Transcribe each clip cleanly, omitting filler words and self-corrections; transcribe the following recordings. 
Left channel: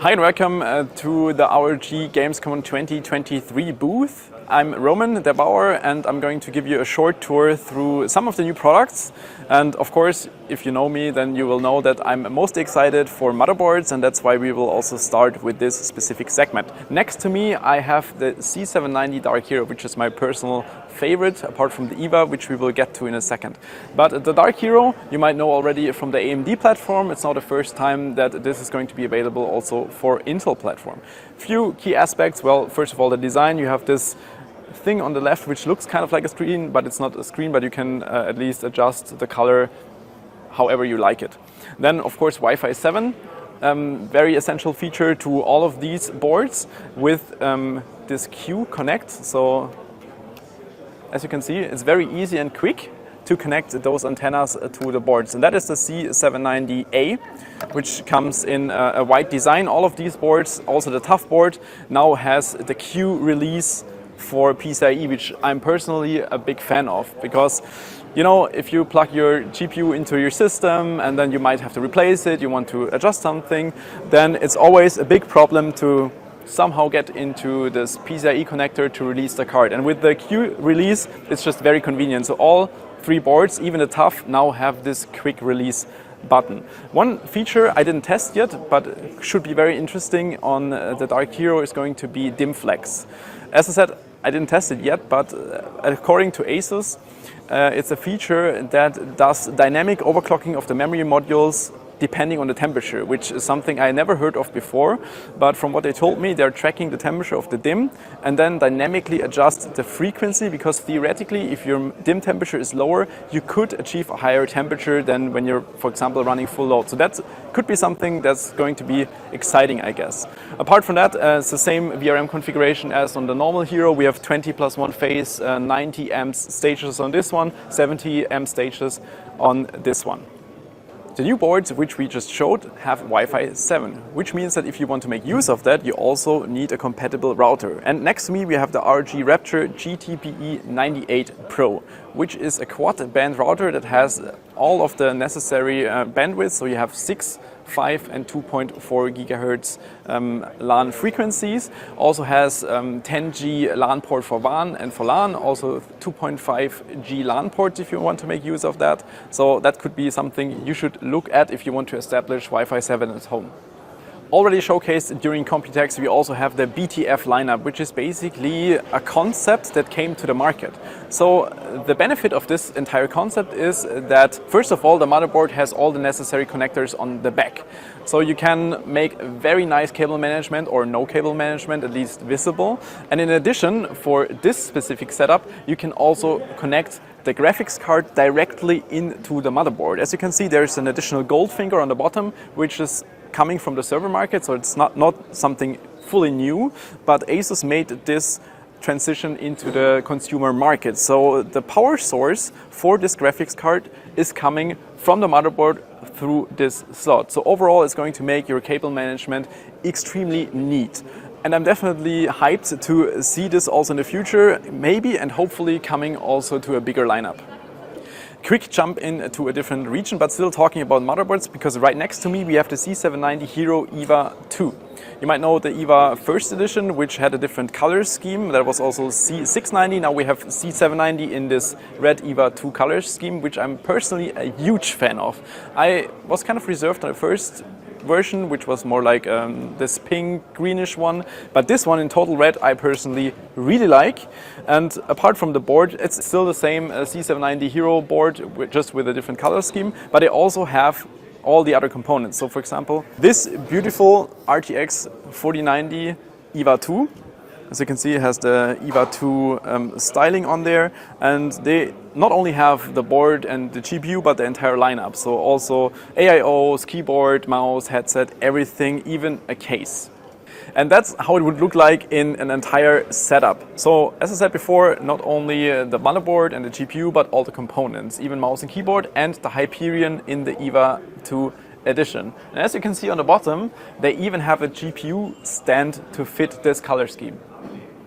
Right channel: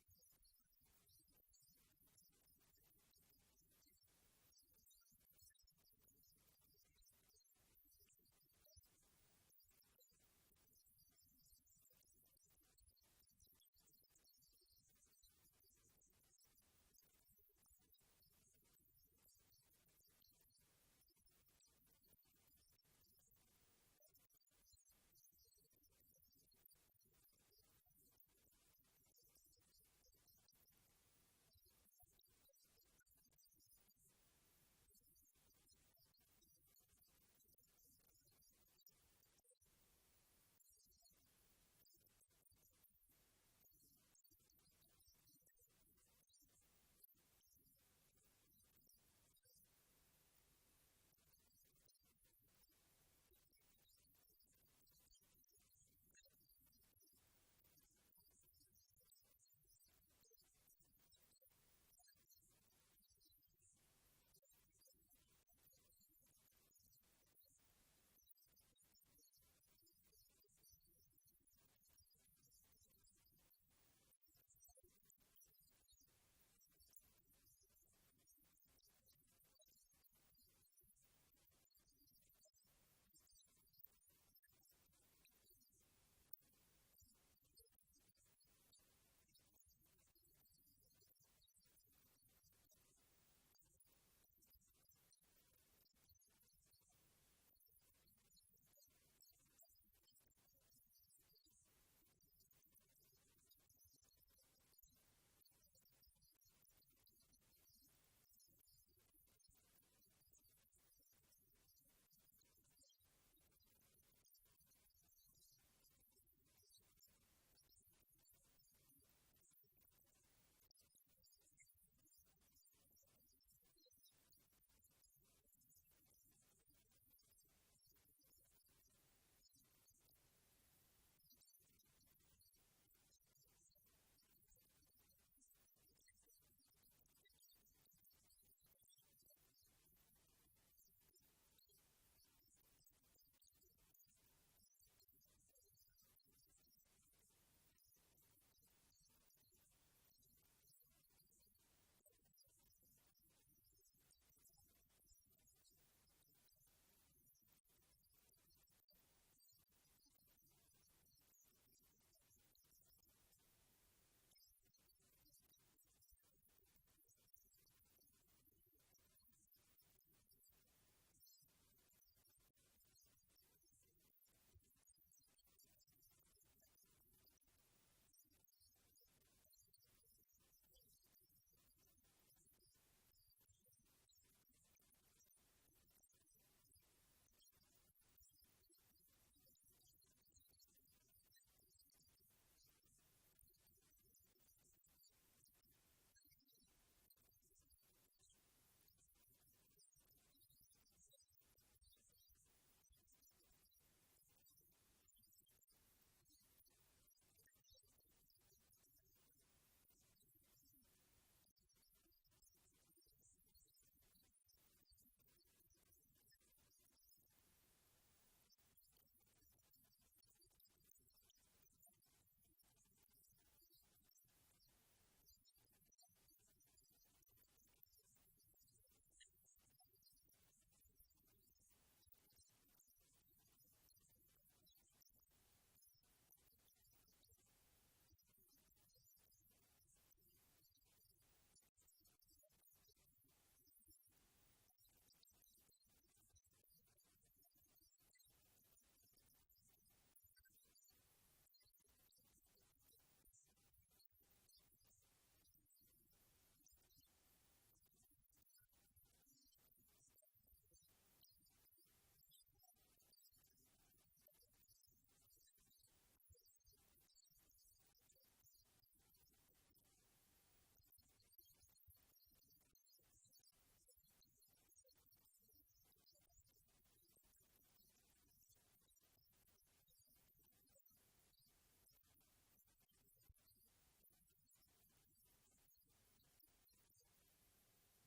Hi and welcome to the ROG Gamescom 2023 booth. I'm Roman der Bauer and I'm going to give you a short tour through some of the new products. And of course, if you know me, then you will know that I'm most excited for motherboards, and that's why we will also start with this specific segment. Next to me, I have the Z790 Dark Hero, which is my personal favorite, apart from the EVA, which we will get to in a second. But the Dark Hero, you might know already from the AMD platform. It's not the first time that this is going to be available also for Intel platform. Few key aspects. Well, first of all, the design. You have this thing on the left which looks kind of like a screen, but it's not a screen, but you can at least adjust the color however you like it. Then of course Wi-Fi 7, very essential feature to all of these boards with this Q Connect. So as you can see, it's very easy and quick to connect those antennas to the boards, and that is the Z790A, which comes in a white design. All of these boards, also the tough board, now has the Q release for PCIe, which I'm personally a big fan of, because you know, if you plug your GPU into your system and then you might have to replace it, you want to adjust something, then it's always a big problem to somehow get into this PCIe connector to release the card. And with the Q release, it's just very convenient. So all three boards, even the tough, now have this quick release button. One feature I didn't test yet, but should be very interesting on the Dark Hero, is going to be dim flex. As I said, I didn't test it yet, but according to ASUS, it's a feature that does dynamic overclocking of the memory modules depending on the temperature, which is something I never heard of before. But from what they told me, they're tracking the temperature of the DIMM and then dynamically adjust the frequency, because theoretically, if your DIMM temperature is lower, you could achieve a higher temperature than when you're, for example, running full load. So that could be something that's going to be exciting, I guess. Apart from that, it's the same VRM configuration as on the normal Hero. We have 20+1 phase, 90 amps stages on this one, 70 amp stages on this one. The new boards, which we just showed, have Wi-Fi 7, which means that if you want to make use of that, you also need a compatible router. And next to me, we have the ROG Rapture GT-BE98 Pro, which is a quad-band router that has all of the necessary bandwidth. So you have 6, 5 and 2.4 gigahertz LAN frequencies. Also has 10G LAN port for WAN and for LAN, also 2.5G LAN ports if you want to make use of that. So that could be something you should look at if you want to establish Wi-Fi 7 at home. Already showcased during Computex, we also have the BTF lineup, which is basically a concept that came to the market. So the benefit of this entire concept is that, first of all, the motherboard has all the necessary connectors on the back. So you can make very nice cable management, or no cable management, at least visible. And in addition, for this specific setup, you can also connect the graphics card directly into the motherboard. As you can see, there's an additional gold finger on the bottom, which is coming from the server market, so it's not something fully new, but ASUS made this transition into the consumer market. So the power source for this graphics card is coming from the motherboard through this slot. So overall, it's going to make your cable management extremely neat. And I'm definitely hyped to see this also in the future, maybe and hopefully coming also to a bigger lineup. Quick jump into a different region, but still talking about motherboards, because right next to me we have the Z790 Hero EVA 2. You might know the EVA first edition, which had a different color scheme. That was also Z690. Now we have Z790 in this red EVA 2 color scheme, which I'm personally a huge fan of. I was kind of reserved on the first version, which was more like this pink greenish one, but this one in total red I personally really like. And apart from the board, it's still the same Z790 Hero board, just with a different color scheme, but they also have all the other components. So for example, this beautiful RTX 4090 EVA 2, as you can see, it has the EVA 2 styling on there, and they not only have the board and the GPU, but the entire lineup. So also AIOs, keyboard, mouse, headset, everything, even a case. And that's how it would look like in an entire setup. So as I said before, not only the motherboard and the GPU, but all the components, even mouse and keyboard, and the Hyperion in the EVA 2 edition. And as you can see on the bottom, they even have a GPU stand to fit this color scheme.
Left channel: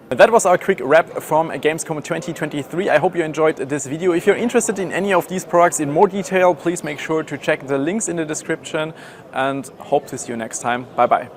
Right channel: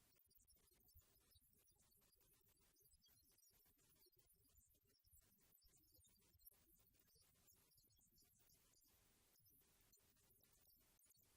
That was our quick wrap from Gamescom 2023. I hope you enjoyed this video. If you're interested in any of these products in more detail, please make sure to check the links in the description, and hope to see you next time. Bye bye.